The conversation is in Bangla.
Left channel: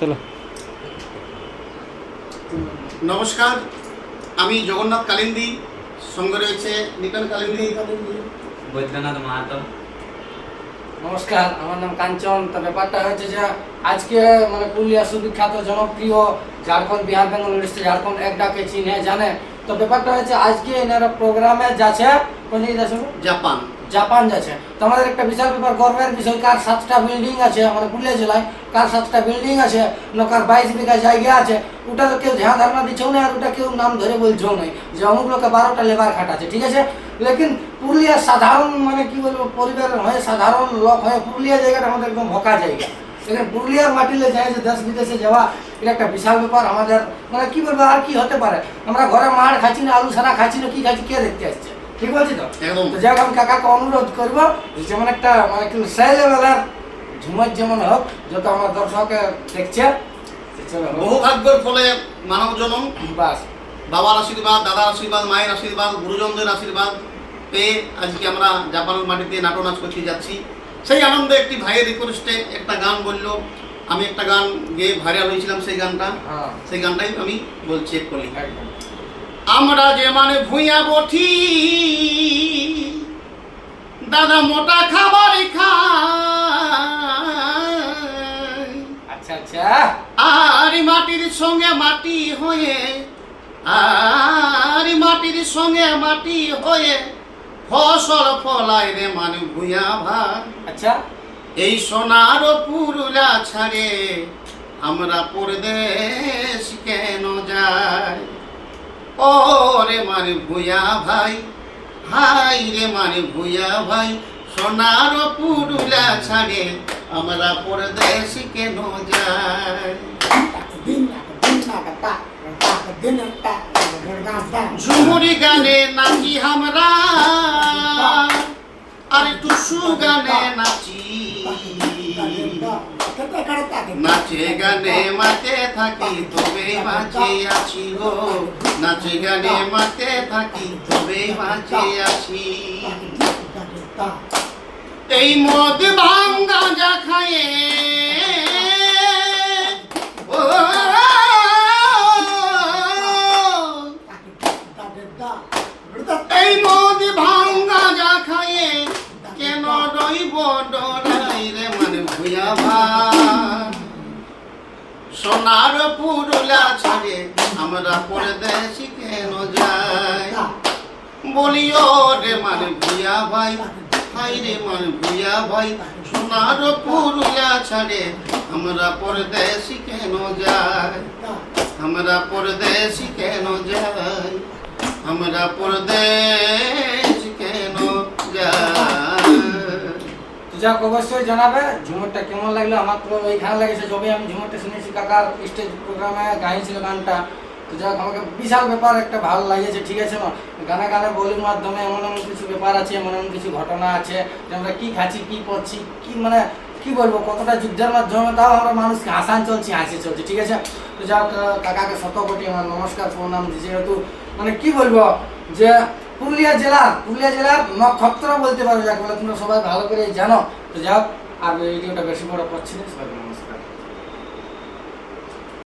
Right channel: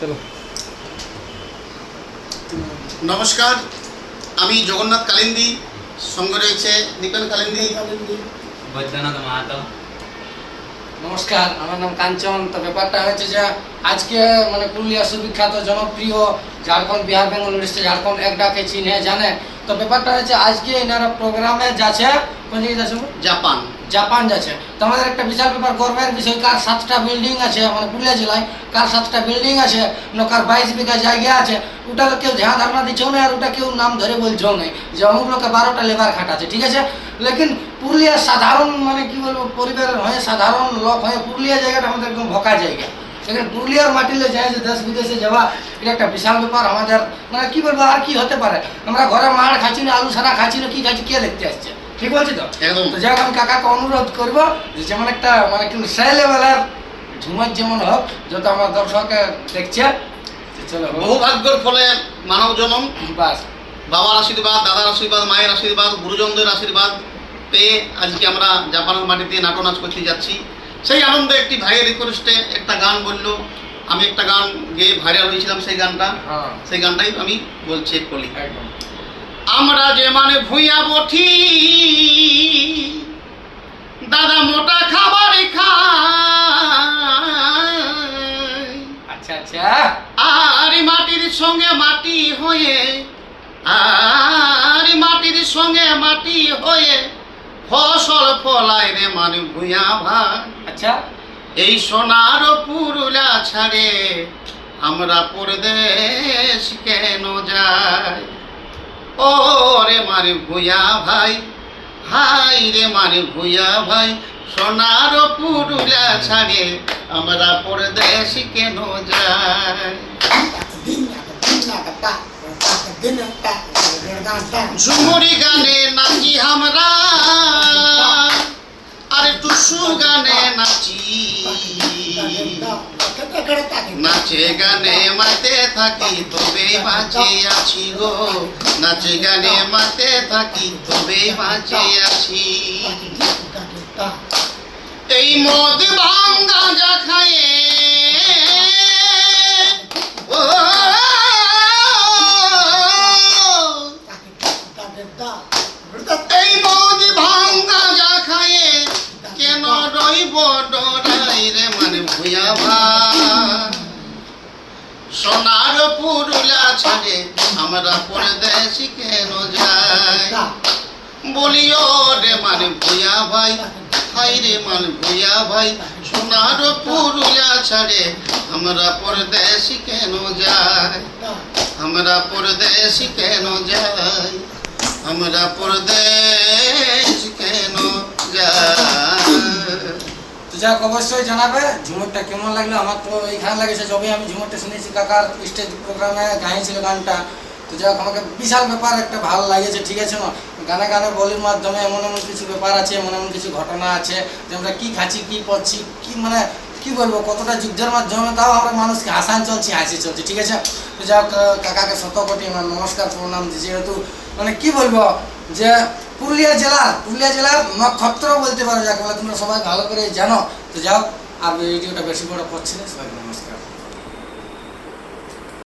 চলো। নমস্কার, আমি জগন্নাথ কালিন্দী, সঙ্গে রয়েছে দীপেন কালিন্দী। বৈদ্যনাথ মাহাতো। নমস্কার, আমার নাম কাঞ্চন। তো ব্যাপারটা হচ্ছে যে আজকে মানে পুরুলিয়া সুবিখ্যাত জনপ্রিয় ঝাড়খণ্ড, বিহার, বেঙ্গল, উড়িষ্যা, ঝাড়খণ্ড এক ডাকে চিনে জানে। তো ব্যাপারটা হচ্ছে আজকে এনারা প্রোগ্রামে যাচ্ছে কোন জায়গায় যাচ্ছে? জাপান। জাপান যাচ্ছে। তো আমাদের একটা বিশাল ব্যাপার, গর্বের বিষয়, কার 7টা বিল্ডিং আছে মানে পুরুলিয়া জেলায়, কার 7টা বিল্ডিং আছে, কার 22 বিঘা জায়গা আছে, ওটা কেউ ধ্যান ধারণা দিচ্ছেও না, আর ওটা কেউ নাম ধরে বলছেও না যে অমুক লোকে 12টা লেবার খাটাচ্ছে, ঠিক আছে। লেকিন পুরুলিয়ার সাধারণ মানে কি বলবো, পরিবারের হয়ে সাধারণ লোক হয়ে পুরুলিয়া জায়গাটা আমাদের একদম ভকা জায়গা। এখানে পুরুলিয়ার মাটিলে যায় যে দেশ বিদেশে যাওয়া, এটা একটা বিশাল ব্যাপার আমাদের। মানে কি বলবো, আর কি হতে পারে? আমরা ঘরে মার খাচ্ছি না, আলু ছানা খাচ্ছি না, কি খাচ্ছি, কে দেখতে আসছে? ঠিক বলছি তো? একদম। তো যাক, আমি কাকাকে অনুরোধ করবো যেমন একটা মানে কি সেই লেভেলের ঝুমার যেমন হোক, যত আমার দর্শকে দেখছে, চলো বহু ভাগ্যের ফলে মানব জনম, বাস। বাবার আশীর্বাদ, দাদার আশীর্বাদ, মায়ের আশীর্বাদ, গুরুজনদের আশীর্বাদ পেয়ে আজকে আমরা জাপানের মাটিতে নাটক নাচ করতে যাচ্ছি। সেই আনন্দে একটি ভাইয়ের রিকোয়েস্টে একটা গান বললো, আমি একটা গান গেয়ে ভাইরাল হয়েছিলাম, সেই গানটা, হ্যাঁ, সেই গানটাই আমি বলছি এক কলি। একদম। আমরা যে মানে ভুইয়া বঠি, দাদা মোটা খাবার খায়, আচ্ছা আচ্ছা, আর মাটির সঙ্গে মাটি হয়ে, আর মাটির সঙ্গে মাটি হয়ে ফসল ফলায় রে মানে ভুইয়া ভাই। আচ্ছা। এই সোনার পুরুলা ছাড়ে আমরা পরদেশ কেন যাই? ও রে মানে ভুইয়া ভাই, হাই রে মানে ভুইয়া ভাই, সোনার পুরুলা ছাড়ে আমরা পরদেশ কেন যাই? ঝুমুরি গানে নাচি আমরা, আরে টুসু গানে নাচি, নাচে গানে মাতে থাকি তবে বাঁচে আছি গো, নাচে গানে মাতে থাকি তবে বাঁচে আছি। এই মদ ভাঙ্গা যা খায়ে, ও এই মদ ভাঙ্গা যা খায়ে কেন রইব ডরাই রে মানে ভুইয়া ভাই, সোনার পুরুলা ছাড়ে আমরা পরদেশি কেন যাই? বলিও রে মানে ভুইয়া ভাই, হাই রে মানে ভুইয়া ভাই, সোনার পুরুলা ছাড়ে আমরা পরদেশি কেন যাই? আমরা পরদেশি কেন যাই? আমরা পরদেশ কেন যাই? যাক, অবশ্যই জানাবে ঝুমুরটা কেমন লাগলো। আমার তো এইখানে লাগেছে, যবে আমি ঝুমুরটা শুনেছি কাকার স্টেজ প্রোগ্রামে গাইছিল গানটা। তো যাক, আমাকে বিশাল ব্যাপার একটা ভালো লাগেছে, ঠিক আছে না? গানে গানে বলির মাধ্যমে এমন এমন কিছু ব্যাপার আছে, এমন এমন কিছু ঘটনা আছে যে আমরা কী খাচ্ছি, কী পড়ছি, কী মানে কী বলবো, কতটা যুদ্ধের মাধ্যমে তাও আমরা মানুষকে হাসান চলছি, হাসি চলছি, ঠিক আছে। তো যাক, কাকাকে শত কোটি আমার নমস্কার প্রণাম, যেহেতু মানে কি বলবো যে পুরুলিয়া জেলার নক্ষত্র বলতে পারো যাকে বলে, তোমরা সবাই ভালো করে জানো। তো যাক, আর ভিডিওটা বেশি বড় করছি না, সবাই নমস্কার।